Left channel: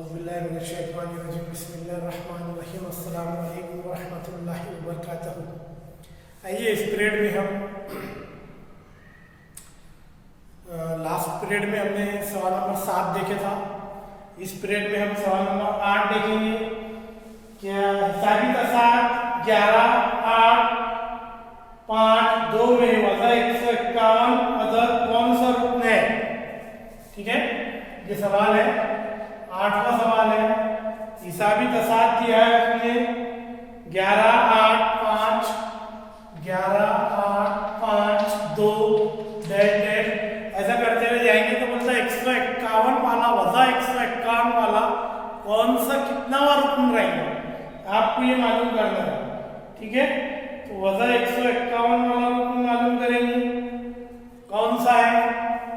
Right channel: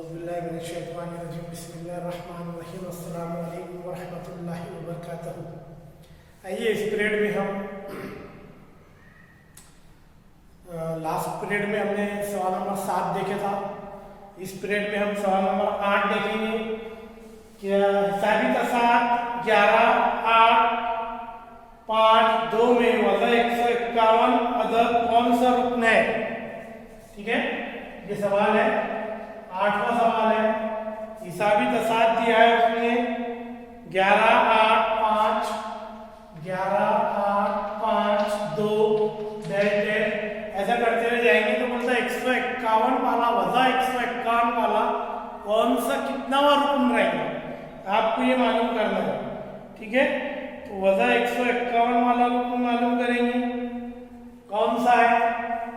बिस्मिल्लाहिर्रहमानिर्रहीम अस्सलाम वालेकुम वरहमतुल्लाहि वबरकातुहू। आइए इस पीरियड में हम लास्ट पीरियड में हमने सवाल नंबर 7 देखे था। इस पीरियड में हम सवाल नंबर 8 देखेंगे। क्या हिसाबी तसाद 11, 8, 5, 2 में वज़ा 151 अदद कौन सा रुकन है? ठीक है, ये सवाल है, 8वां सवाल है। हिसाबी तसाद दिया है उसमें 11, 8, 5, 11, 8, 5, 2 डैश डैश ऐसा करते हुए जाएंगे तो बोलता है 151 वाला वज़ा 151 वाला कौन सा कितनावा रुकन रहेगा, आपको ये मालूम करना है। ठीक है, तो वज़ा 151 वाला रुकन मालूम करेंगे कौन सा है।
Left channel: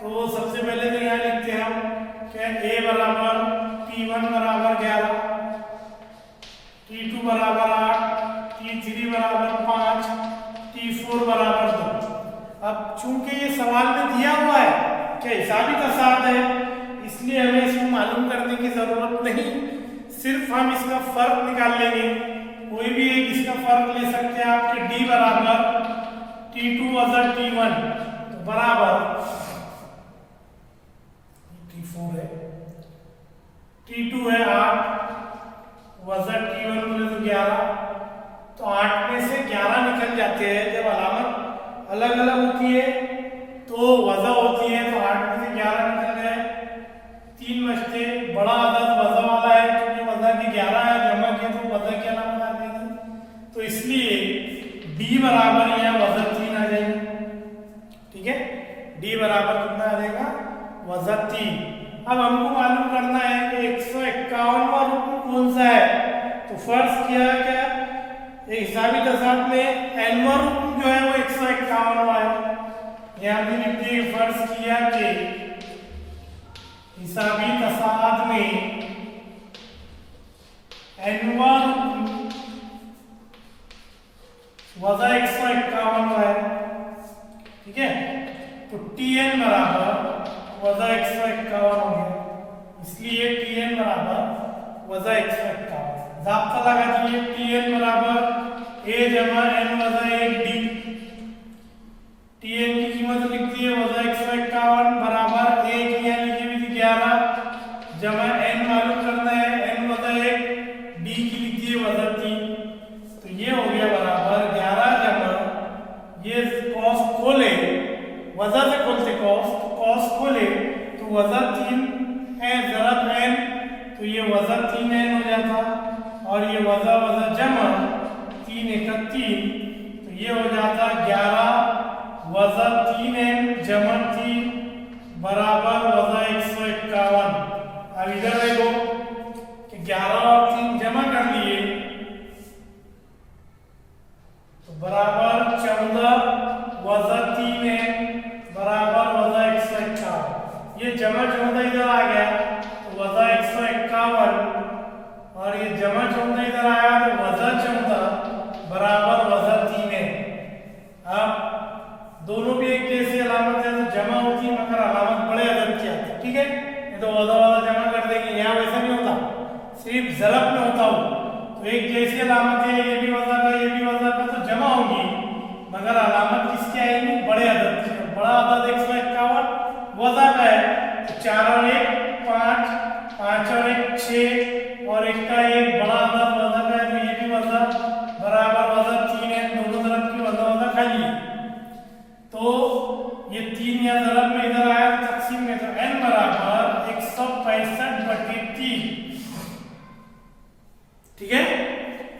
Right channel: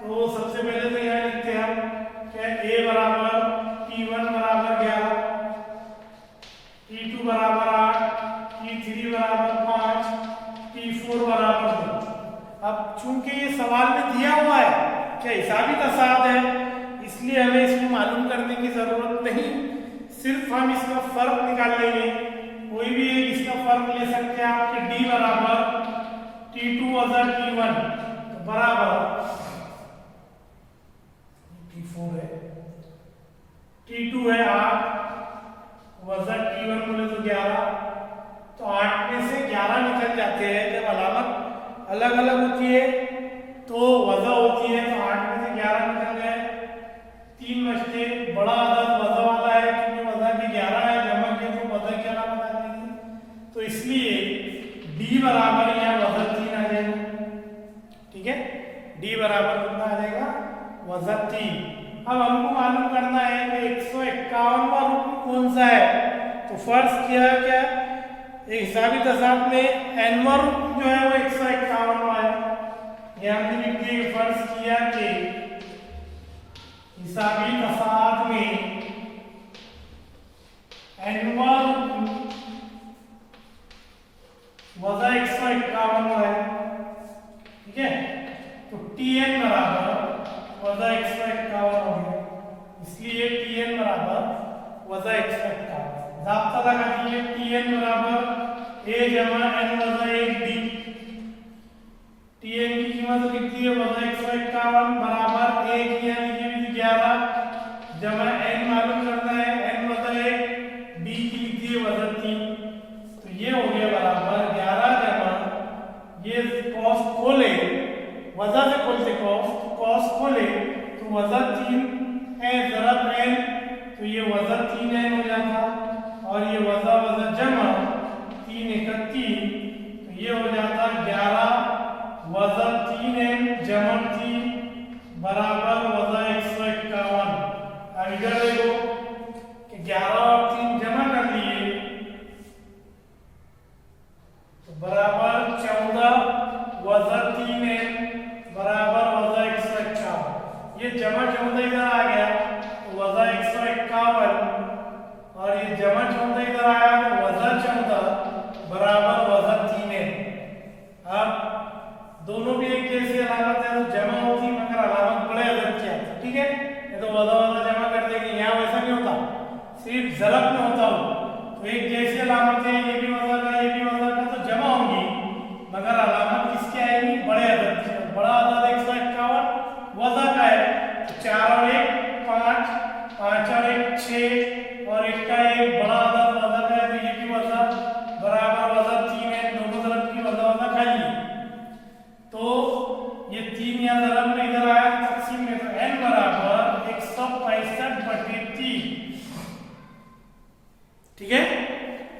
तो सबसे पहले तो यहाँ लिखते हैं हम क्या a बराबर T1 बराबर 11, T2 बराबर 8, T3 बराबर 5, T4 बराबर 2। अब चूंकि ये सवाल में दिया हुआ है क्या हिसाबी तसाद है, इसलिए हमें इसको मालूम करने की जरूरत नहीं, सिर्फ हम इसका फर्क निकाल लेंगे। कोई भी एक इसका फर्क ले सकते हैं आप कि d बराबर T2 वज़ा T1 तो बराबर T4 है, T2 है 8 वज़ा T1 बोले तो 11, तो 8 में से 11 निकल जाते हैं। जब अलामत अलग अलग होती है तो वज़ा होती है, तो 8 में से 11 निकल गए, 3 बचते। बड़ा अदद वज़ा वाला है, क्योंकि वज़ा की 11 है, जमा किया तो वज़ा की अलामत आ जाएगी, तो इसलिए d बराबर यहाँ वज़ा 3 आ जाएगी। ठीक है, d बराबर कितना आ जाएगा, वज़ा 3। अब हमको मालूम करना है कि 151वां रुकन कौन सा है। तो फर्ज किया क्या हिसाबी तसाद में n वां रुकन जो है वो 151वां है। यहाँ पे लिख दिए फर्ज किया कि हिसाबी तसाद में n वां रुकन वज़ा 151वां है। ठीक है, तो Tn बराबर वज़ा 151 हो गया, इसलिए Tn बराबर वज़ा 151। ज़ाब्ता लगा दिए Tn बराबर a जमा n वज़ा 1d। Tn की कीमत लिख दी है वज़ा 151 बराबर a की यहाँ लिखी हुई थी 11 जमा n मालूम करना है n वज़ा 1, d की लिख दी है वज़ा 3, तो ये हो गया बराबर 11 जमा ये कॉस खोले वज़ा से खोलते कॉस खोले तो वज़ा 3 है ज़रब n, तो ये वज़ा 3n हो जाता, और ये वज़ा वज़ा जमा 3 31, तो ये हो जाता 11 वज़ा 3n जमा 3 बराबर वज़ा 151। अब इधर देखो कि 11 और 3 जमा कर लिए तो बराबर 14 वज़ा 3n बराबर वज़ा 151। ये जमा 14 इधर आ गया तो वज़ा 151, और ये जमा 14 इधर आया तो वज़ा 14 बराबर वज़ा 3n। अब दोनों भी एक जैसी अलामत है तो जमा होती मगर अलामत बड़े अदद की आती। ठीक है, ये तो वज़ा वज़ा जमा कर देंगे, यहाँ वैसा नहीं होता, सिर्फ ज़रब में होता हो तो एक जैसी अलामत है, ये भी वज़ा का ये भी वज़ा का, तो जमा होगी मगर अलामत किसकी आएगी, बड़े अदद की। बड़ा अदद 151 वज़ा का है तो 4 और 1 5, 5 और 1 6, और इसका एक बड़ा अदद वज़ा का है तो ये भी वज़ा बराबर वज़ा 3 है। दोनों तरफ की वज़ा वज़ा खाली, तो ये 3 या ज़रब में इधर आया तकसीम में, तो n बराबर 165/3। ठीक है,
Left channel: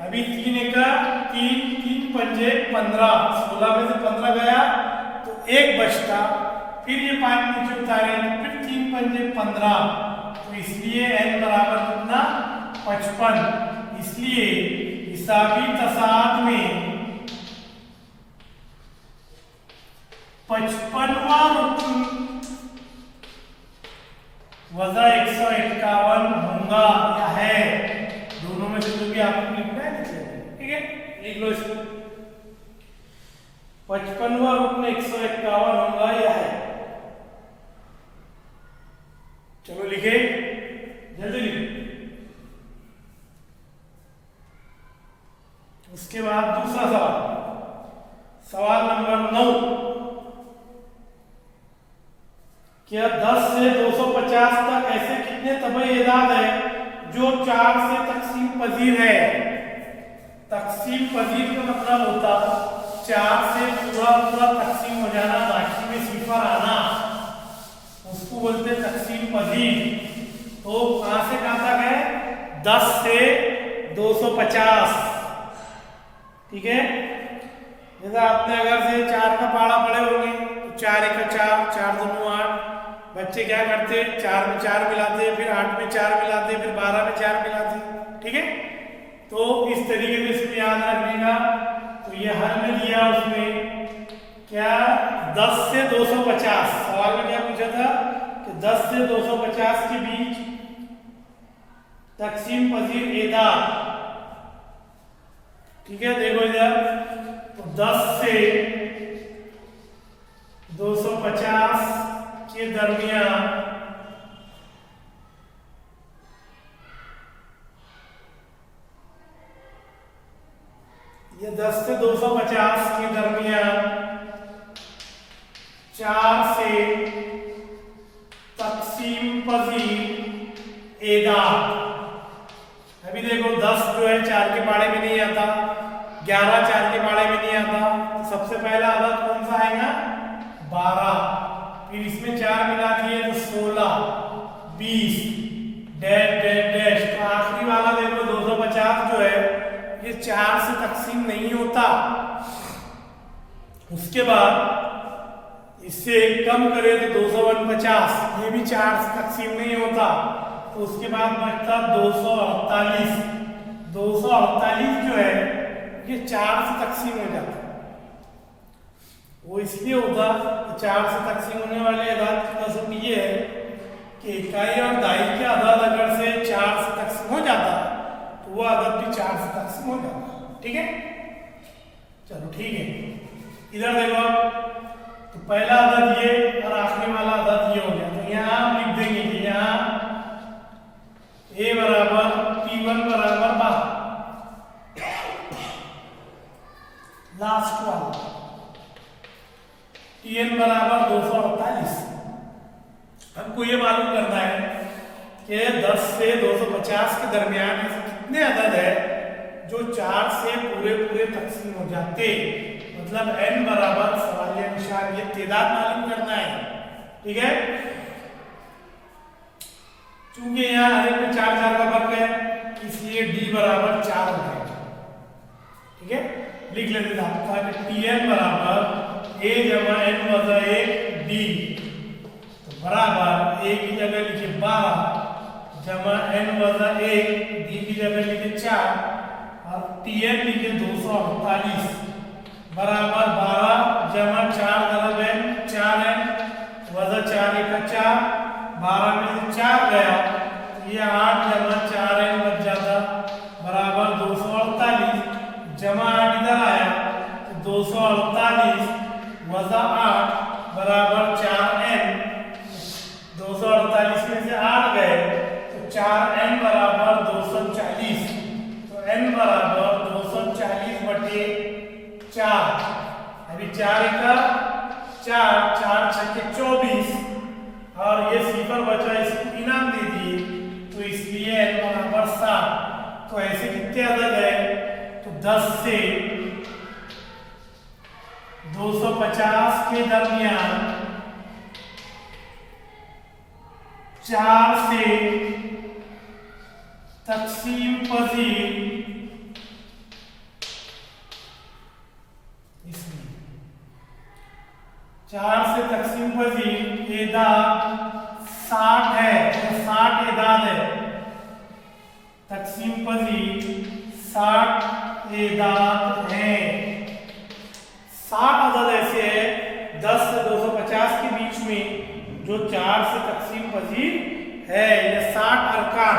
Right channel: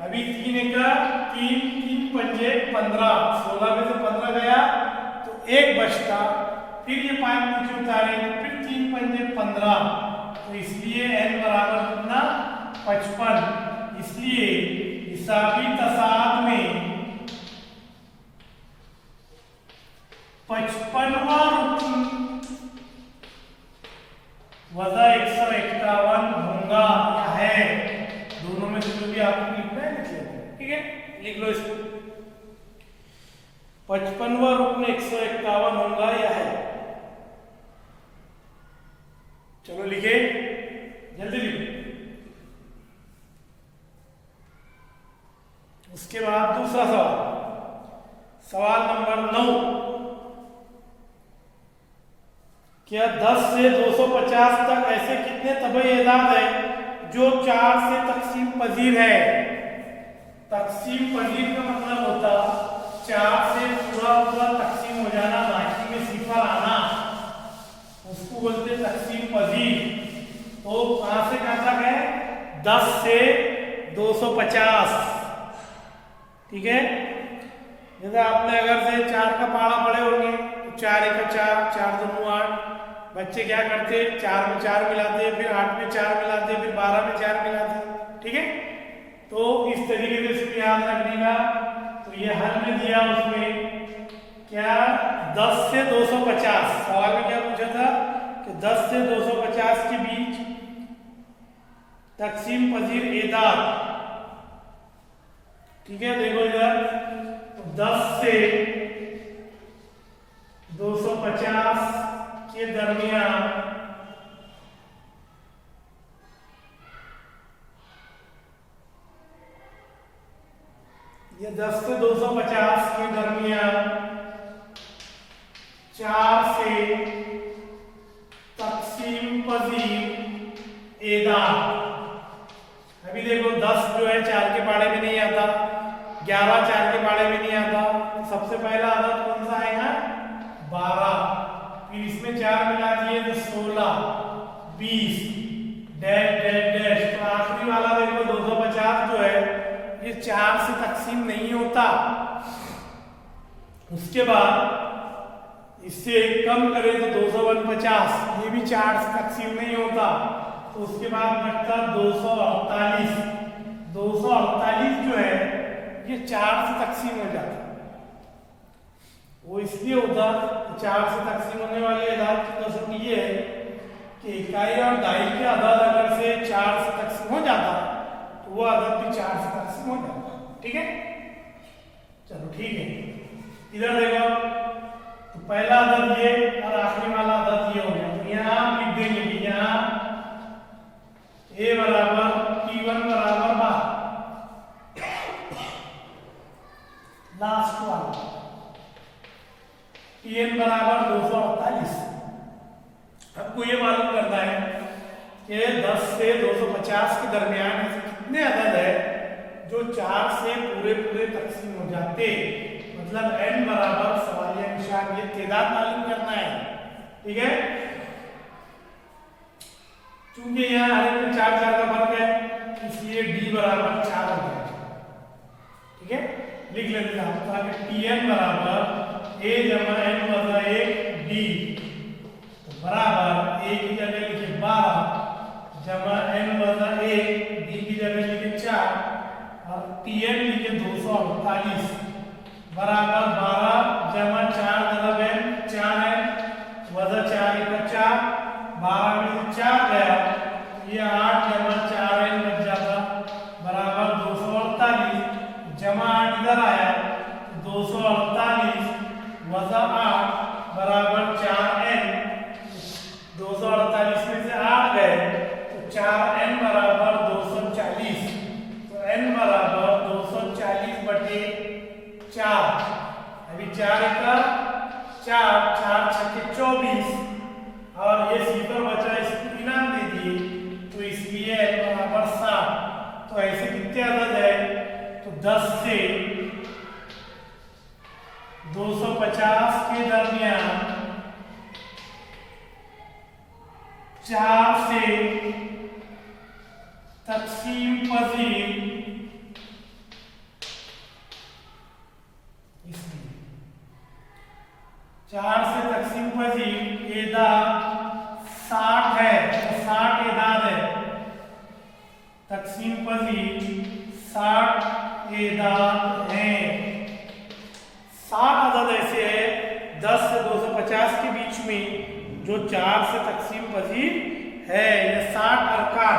अभी 3 का 3 3 पंजे 15, 16 में से 15 गया तो 1 बचता, फिर ये 5 नीचे उतारे तो फिर 3 पंजे 15, तो इसलिए n बराबर कितना 55। इसलिए हिसाबी तसाद में 55वां रुकन वज़ा 151 होगा या है, दोनों में से जो भी आपको लिखना है लिख लेना। ठीक है, लिख लो इसको 55वां रुकन 151 होगा या है। चलो लिखे, जल्दी लिखो। कितने तबई एदाद है जो 4 से तकसीम पजीर है। तकसीम पजीर का मतलब होता 4 से पूरा पूरा तकसीम हो जाना, बाकी में सिफर आना, उसको बोलते हैं तकसीम पजीर। तो कहां से कहां तक है? 10 से 250। ठीक है, जैसे आपने अगर से 4 का पहाड़ा पढ़े होंगे तो 4 एक 4, 4 दूनी 8। बच्चे क्या करते? 4 में 4 मिलाते, फिर 8 में 4 मिलाते, फिर 12 में 4 मिलाते। ठीक है, तो इस तरीके से इसको याद रखने का। तो ये हल में दिया उसमें क्या 10 से 250। सवाल में क्या पूछा था कि 10 से 250 के बीच तकसीम पजीर एदाद। ठीक है, देखो इधर, तो 10 से 250 के दरमियान ये 10 से 250 के दरमियान 4 से तकसीम पजीर एदाद। अभी देखो 10 जो है 4 के पाड़े में नहीं आता, 11 4 के पाड़े में नहीं आता, तो सबसे पहला अदद कौन सा आएगा? 12। फिर इसमें 4 मिला दिए तो 16, 20, डैश डैश डैश। तो आखिरी वाला देखो 250 जो है ये 4 से तकसीम नहीं होता। उसके बाद इससे कम करें तो 249, ये भी 4 से तकसीम नहीं होता। तो उसके बाद बचता 248। 248 जो है ये 4 से तकसीम हो जाता। वो इसलिए होता 4 से तकसीम होने वाले अदाद की कसम ये है कि इकाई और दाई के अदाद अगर से 4 से तकसीम हो जाता तो वो अदद भी 4 से तकसीम हो जाता। ठीक है, चलो ठीक है। इधर देखो आप, तो पहला अदद ये और आखिरी वाला अदद ये हो गया। तो यहाँ हम लिख देंगे कि यहाँ a बराबर P1 बराबर 12, लास्ट वाला Tn बराबर 248। हमको ये मालूम करना है कि 10 से 250 के दरमियान ऐसे कितने अदद है जो 4 से पूरे पूरे तकसीम हो जाते। मतलब n बराबर सवालिया निशान ये तादाद मालूम करना है। ठीक है, चूंकि यहाँ हर एक में 4 4 का फर्क है इसलिए d बराबर 4 हो गया। ठीक है, लिख लेते हैं Tn बराबर a जमा n वजा 1 d, तो बराबर a की जगह लिखे 12 जमा n वजा 1 d की जगह लिखे 4 और Tn लिखे 248 बराबर 12 जमा 4 दरब n 4n वजा 4 1 4, 12 में से 4 गया तो ये 8 जमा 4n बच जाता बराबर 248 जमा 8 इधर आया तो 248 वजा 8 बराबर 4n। 248 में से 8 गए तो 4n बराबर 240। तो n बराबर 240 बटे 4। अभी 4 का 4, 4 छक्के 24 और ये सिफर बचा, इसको इनाम दे दिए तो इसलिए n बराबर 7। तो ऐसे कितने अदद है? तो 10 से 250 के दरमियान 4 से तकसीम पजीर, इसलिए 4 से तकसीम पजीर एदाद 60 है। तो 60 एदाद है, तकसीम पजीर 60 एदाद है। 60 अदद ऐसे है 10 से 250 के बीच में जो 4 से तकसीम पजीर है। ये 60 अरकान।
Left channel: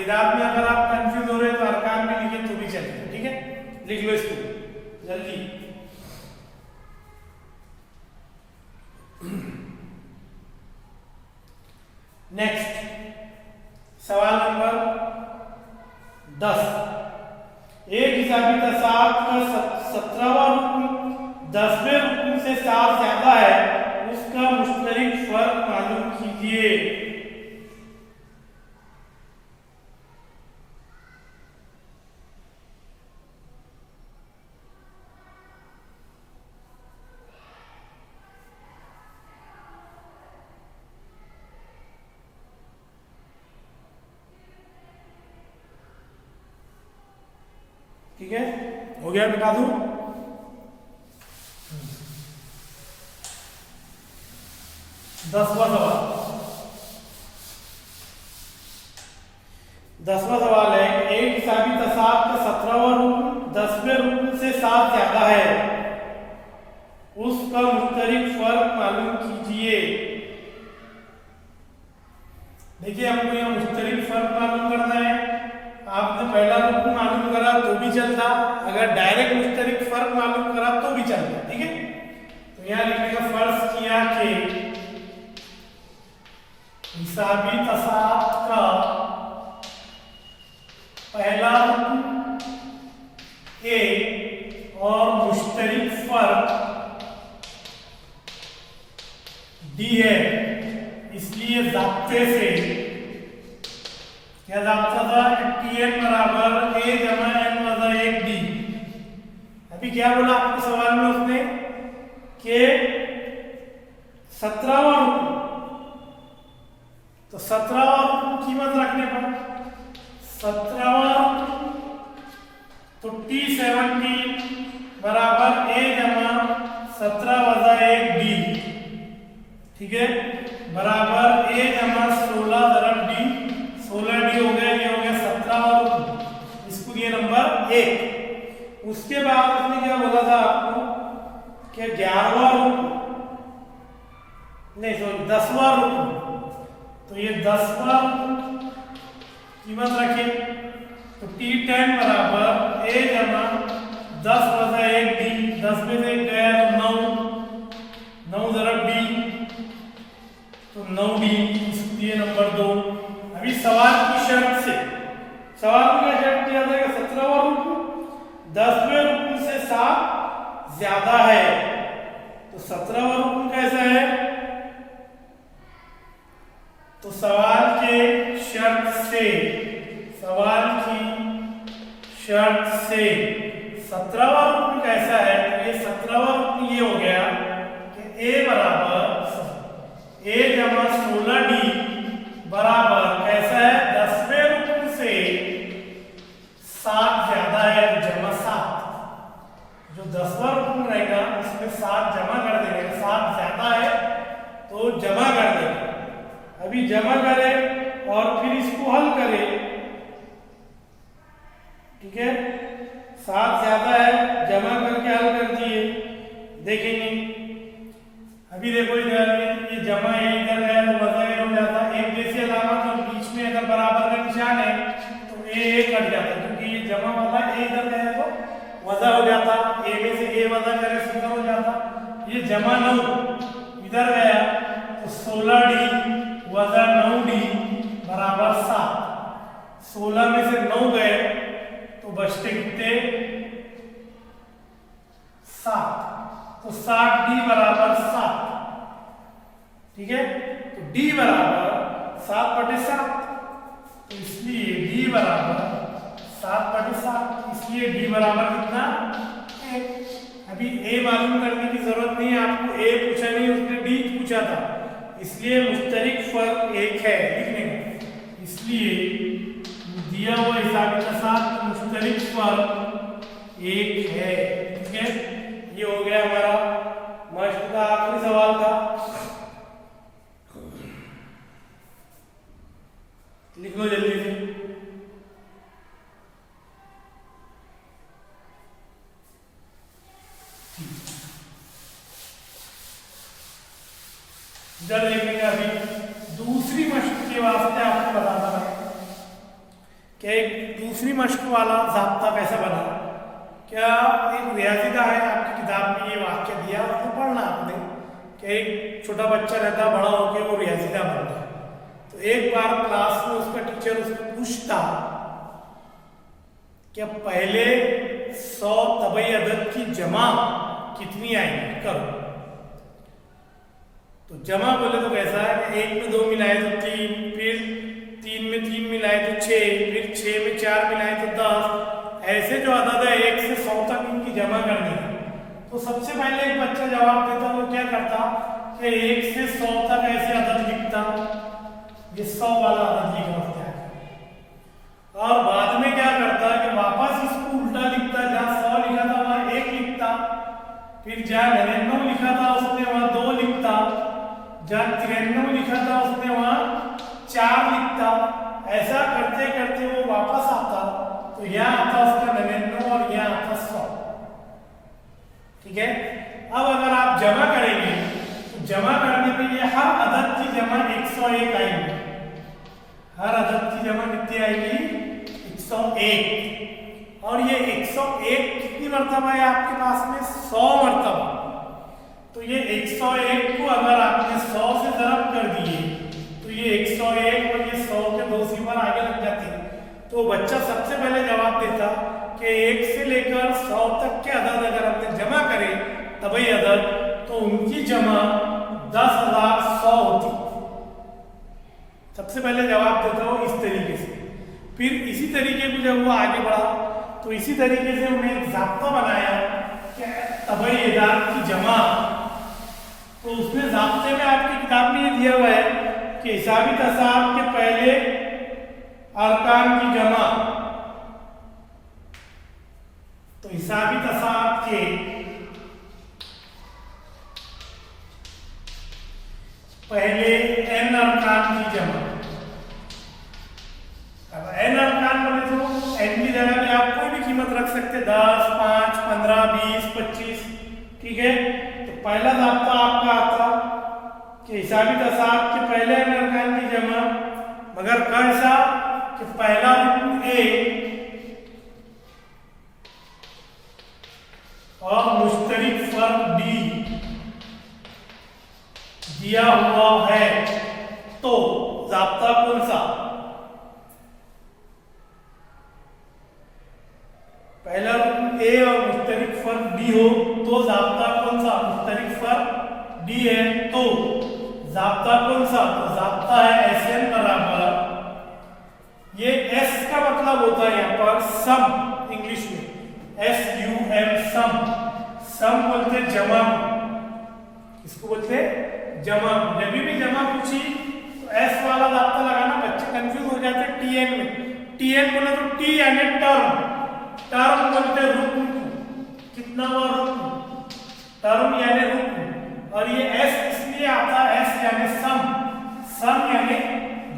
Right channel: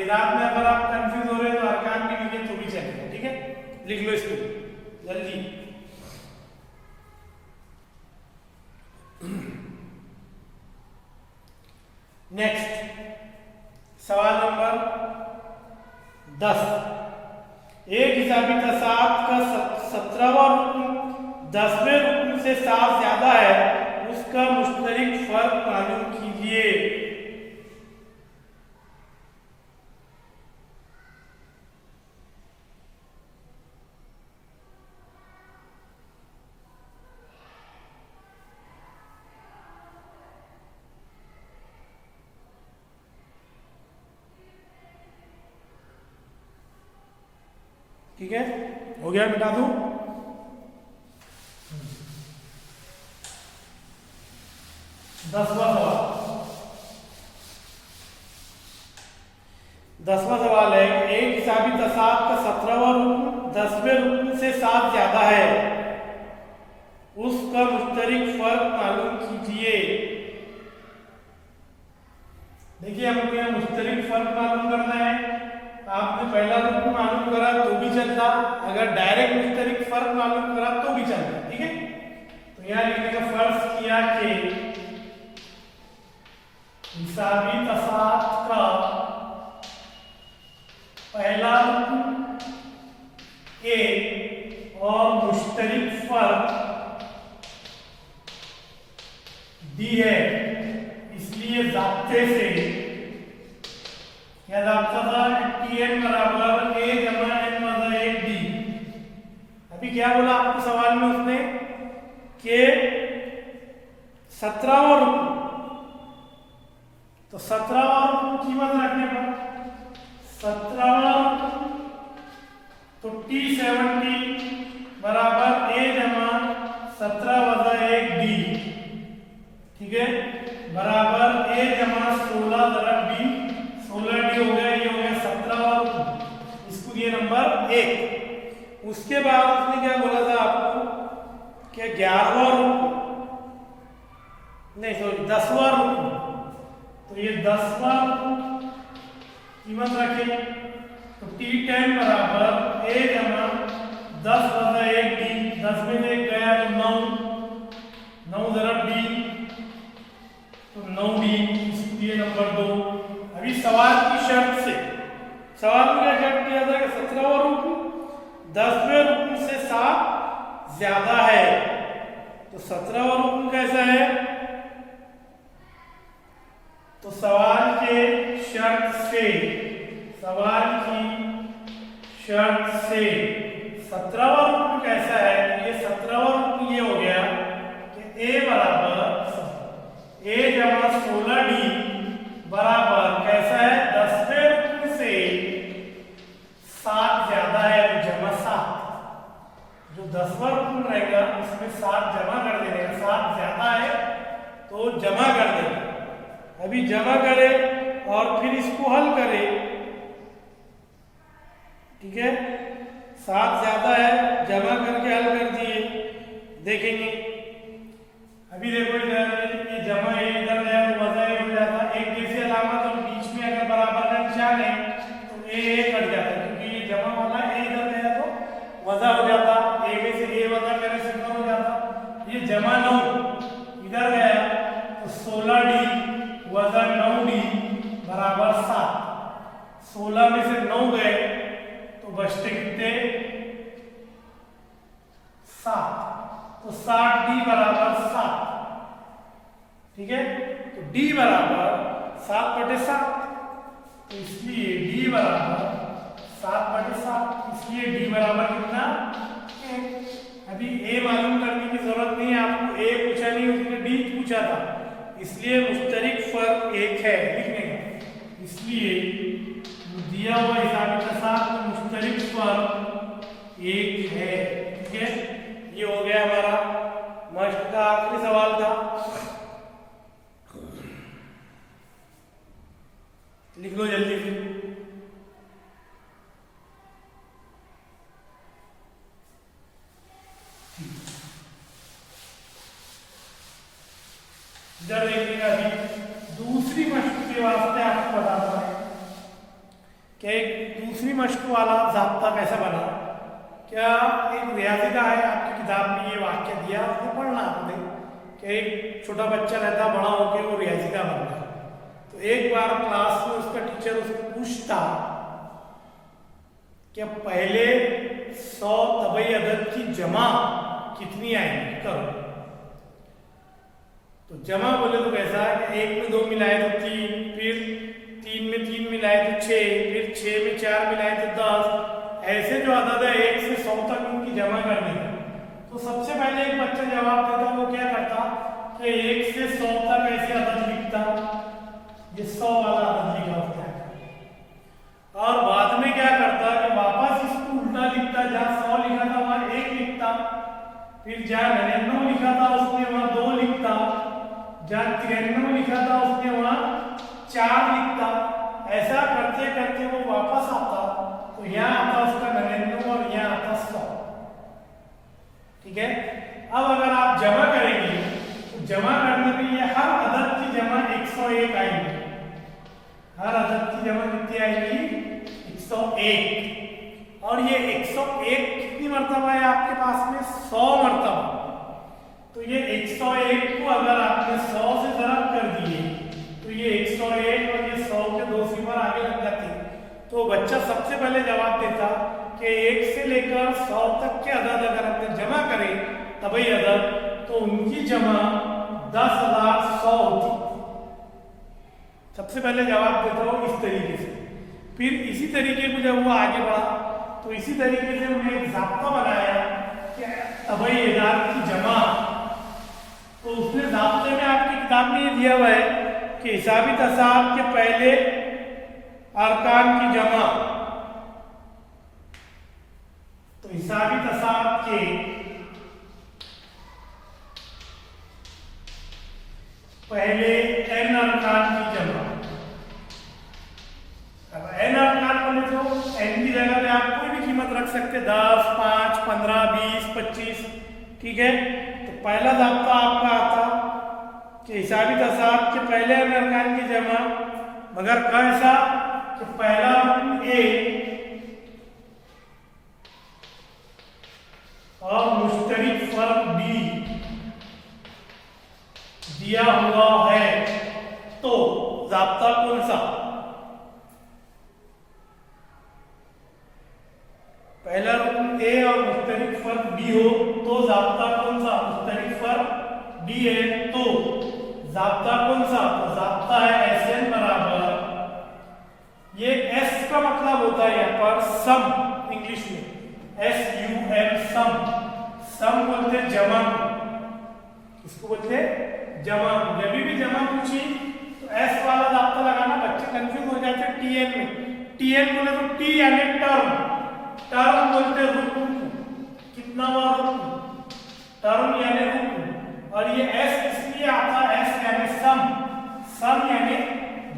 एदाद में अगर आप कंफ्यूज हो रहे हैं तो अरकान में लिखे तो भी चलेगा। ठीक है, लिख लो इसको जल्दी। नेक्स्ट सवाल नंबर 10। एक हिसाबी तसाद का 17वां रुकन 10वें रुकन से 7 ज्यादा है, उसका मुश्तरिक फर्क मालूम कीजिए। ठीक है, हो गया, मिटा दूं। 10वां सवाल। 10वां सवाल है, एक हिसाबी तसाब का 17वां रुकन 10वें रुकन से 7 ज्यादा है, उसका मुश्तरिक फर्क मालूम कीजिए। देखिए, हमको यह मुश्तरिक फर्क मालूम करना है। आपने पहला रुकन मालूम करा तो भी चलता, अगर डायरेक्ट मुश्तरिक फर्क मालूम करा तो भी चलता। ठीक है, तो यहां लिखने का फर्ज किया कि हिसाबी तसाब का पहला रुकन ए और मुश्तरिक फर्क डी है, इसलिए ज़ाब्ते से क्या ज़ाब्ता था कि Tn बराबर ए जमा एन वजा 1 डी। अभी क्या बोला आपको सवाल में उसने कि 17वां रुकन, तो 17वां रुकन कीमत रखने पर 17वां रुकन तो T17 बराबर ए जमा 17 वजा 1 डी, ठीक है, बराबर ए जमा 16 ज़रब डी। 16 डी हो गया, ये हो गया 17वां रुकन, इसको दिए नंबर 1। उसके बाद उसने क्या बोला था आपको कि 11वां रुकन, नहीं सॉरी 10वां रुकन, तो ये 10वां रुकन कीमत रखे तो T10 बराबर ए जमा 10 वजा 1 डी। 10 में से गया तो 9 ज़रब डी, तो 9 डी, इसको दिए नंबर 2। अभी सवाल की शर्त से, सवाल में क्या शर्त दिया था कि 17वां रुकन 10वें रुकन से 7 ज्यादा है, तो 17वां रुकन कैसा है, तो सवाल के शर्त से, सवाल की शर्त से 17वां रुकन कैसा है, तो ये 17वां रुकन ये हो गया कि ए बराबर ए जमा 16 डी बराबर कैसा है, 10वें रुकन से 7 ज्यादा है, तो जमा 7। जो 10वां रुकन रहेगा उसमें 7 जमा कर देगा, 7 ज्यादा है तो जमा कर देगा। अभी जमा करे और फिर इसको हल करे, ठीक है, 7 ज्यादा है, जमा करके हल कर दिए, देखेंगे। अभी देखो इधर ये जमा है, इधर गया तो वजा ए हो जाता, एक जैसी अलामत और बीच में अगर बराबर का निशान है तो ए कट जाता, क्योंकि ये जमा वाला ए इधर गया तो वजा हो जाता, ए में से ए वजा करे 17 हो जाता। ये जमा 9 इधर गया तो 16 डी वजा 9 डी बराबर 7। 16 में से 9 गए तो बचते कितने, 7, तो 7 डी बराबर 7, ठीक है, तो डी बराबर 7/7, तो इसलिए डी बराबर 7/7, इसलिए डी बराबर कितना, 1। अभी ए मालूम करने की जरूरत नहीं है आपको, ए पूछा नहीं, उसने डी पूछा था, इसलिए मुश्तरिक फर्क 1 है लिखने का, इसलिए दिया हुआ हिसाबी तसाब का मुश्तरिक फर्क 1 है। ठीक है, ये हो गया हमारा मश्क का आखिरी सवाल था। लिख लो जल्दी से। इधर लिखने का अभी दूसरी मश्क के वास्ते आपको बताता है क्या एक दूसरी मश्क वाला ज़ाब्ता कैसा बना। क्या एक रियाज़ी का है, आपकी किताब में ये वाक्य दिया, आपको पढ़ना आपने कि एक छोटा बच्चा रहता, बड़ा होकर वो रियाज़ी का बनता है। तो एक बार क्लास में उसका टीचर उससे पूछता कि पहले 100 तबई अदद की जमा कितनी आएंगी, करो। तो जमा बोले तो कैसा है कि 1 में 2 मिलाए तो 3, फिर 3 में 3 मिलाए तो 6, फिर 6 में 4 मिलाए तो 10, ऐसे जो अदद है 1 से 100 तक इनकी जमा करनी है। तो सबसे पहले एक बच्चा जवाब देता, वो क्या करता कि 1 से 100 तक ऐसे अदद लिखता, ये 100 वाला अदद लिखा होता है, और बाद में क्या करता है कि वापस इसको उल्टा लिखता फिर जहाँ 99 लिखा था उसने वहां 2 लिखता, जहाँ 93 लिखा था उसने वहां 4 लिखता। ऐसा करते करते वो वापस आता, तो यहाँ आता उसका 99 और यहाँ आता 100। ठीक है। अब अगर आप जमा करेंगे तो जमा करने पे ये हर अदद की जमा 101 आएंगे। हर अदद की जमा कितनी आएगी? 101। और ये 101 कितनी मर्तबा है आपके पास में? 100 मर्तबा। तो ये 101 को अगर आपने 100 से ज़रब कर दिए तो ये 101 और ये 100 के 2 सिफर आगे लग जाते। तो बच्चा सबसे पहले जवाब देता कि 1 से लेकर 100 तक के अदद अगर हमने जमा करे तभी अदद, तो उनकी जमा 10,100 होती। सबसे पहले जवाब देता वो इस तरीके से। फिर इसी तरीके पे जब वो आगे बढ़ा तो इसी तरीके से उन्हें एक ज़ाब्ता बनाया कि तबई अदाद की जमा। तो उसने ज़ाब्ते में आपकी किताब में ये दिया हुआ है कि हिसाबी तसाब के पहले अरकान की जमा। तो हिसाबी तसाब के पहले n अरकान की जमा। अब n अरकान बोले तो n की जगह में आप कोई भी कीमत रख सकते, 10, 5, 15, 20, 25। ठीक है। तो पहला ज़ाब्ता आपका आता कि हिसाबी तसाब के पहले n अरकान की जमा, मगर कैसा कि पहला रुकन A और मुश्तरिक फर्क D दिया हुआ है तो ज़ाब्ता कौन सा? पहला रुकन A और मुश्तरिक फर्क D हो तो ज़ाब्ता कौन सा? मुश्तरिक फर्क D है तो ज़ाब्ता कौन सा? तो ज़ाब्ता है SN बराबर, ये S का मतलब होता है यहाँ पर सम, इंग्लिश में SUM सम। सम बोलते जमा, इसको बोलते जमा। जब भी जमा पूछी तो S वाला ज़ाब्ता लगाना, बच्चे कंफ्यूज हो जाते TN में। TN बोले तो T यानी टर्म, टर्म बोलते रुकन को। कितना हुआ रुकन? टर्म यानी रुकन। और ये S इसलिए आता है, S यानी सम, सम यानी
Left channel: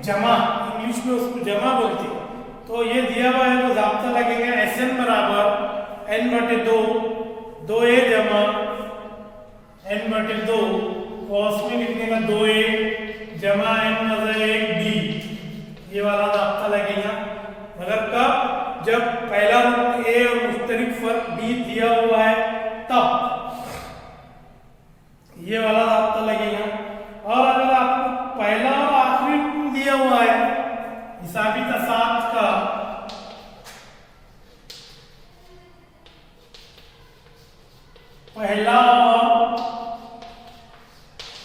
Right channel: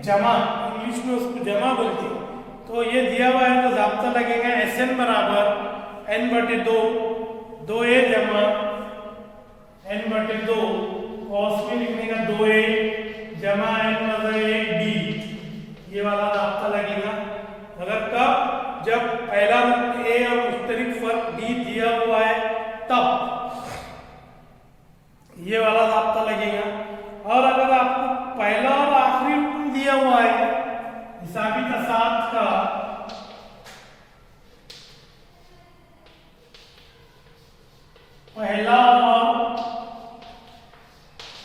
जमा, इंग्लिश में उसको जमा बोलते हैं। तो ये दिया हुआ है तो ज़ाब्ता लगेगा SN बराबर n/2, 2a जमा n/2, कॉस में लिखने का 2a जमा n/1d, ये वाला ज़ाब्ता लगेगा। मगर कब? जब पहला रुकन A और मुश्तरिक फर्क D दिया हुआ है तब ये वाला ज़ाब्ता लगेगा। और अगर आपको पहला और आखिरी रुकन दिया हुआ है हिसाबी तसाब का, पहला और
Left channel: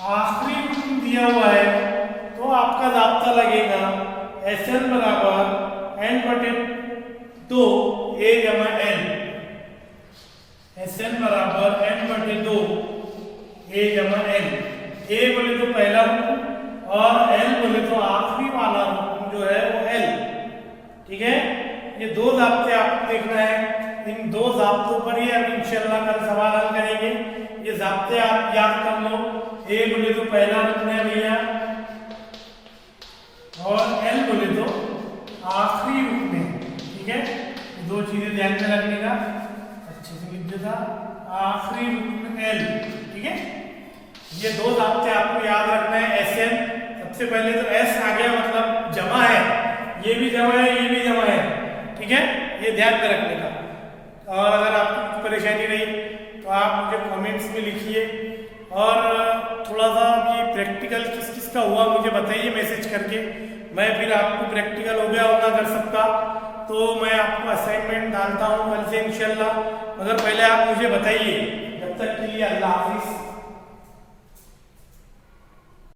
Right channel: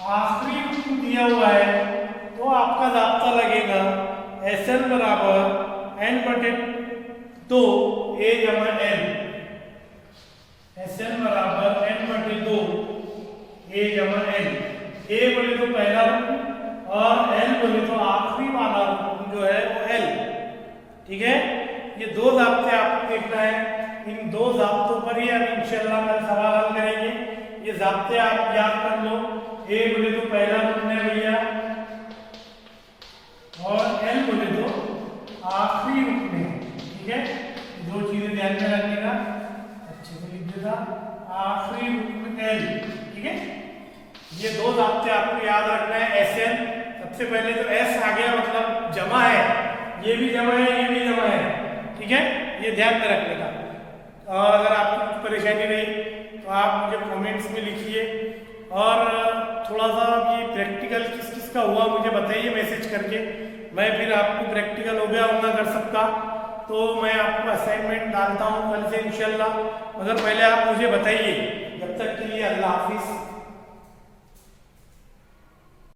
आखिरी रुकन दिया हुआ है तो आपका ज़ाब्ता लगेगा SN बराबर n/2 A जमा N। SN बराबर n/2 A जमा N। A बोले तो पहला रुकन और L बोले तो आखिरी वाला रुकन जो है वो L। ठीक है। ये दो ज़ाब्ते आपको देखना है, इन दो ज़ाब्तों पर ही आप इंशाल्लाह कल सवाल हल करेंगे। ये ज़ाब्ते आप याद कर लो। A बोले तो पहला रुकन है भैया और L बोले तो आखिरी रुकन है। ठीक है। दो चीजें ध्यान में रखने का, अच्छे से लिख देता, आखिरी रुकन L। ठीक है। ये दो ज़ाब्ते आपको याद रखना है। SN सबसे पहले तो S आ गया मतलब जमा है, ये भी जमा है, ये भी जमा है। ठीक है। ये ध्यान में रखने का। और अगर आपको परेशानी रही तो आप मुझे कमेंट्स में लिखिए, और थोड़ा सा ये प्रैक्टिकल किस किस का हुआ मुझे बताइए मैसेज करके। मैं फिर आपको प्रैक्टिकल हो गया होगा कर सकता तो मैं आपको असाइनमेंट डालता हूँ कल से इंशाल्लाह। मगर पहले आप मुझे बताइए। जब तक के लिए अल्लाह हाफिज़।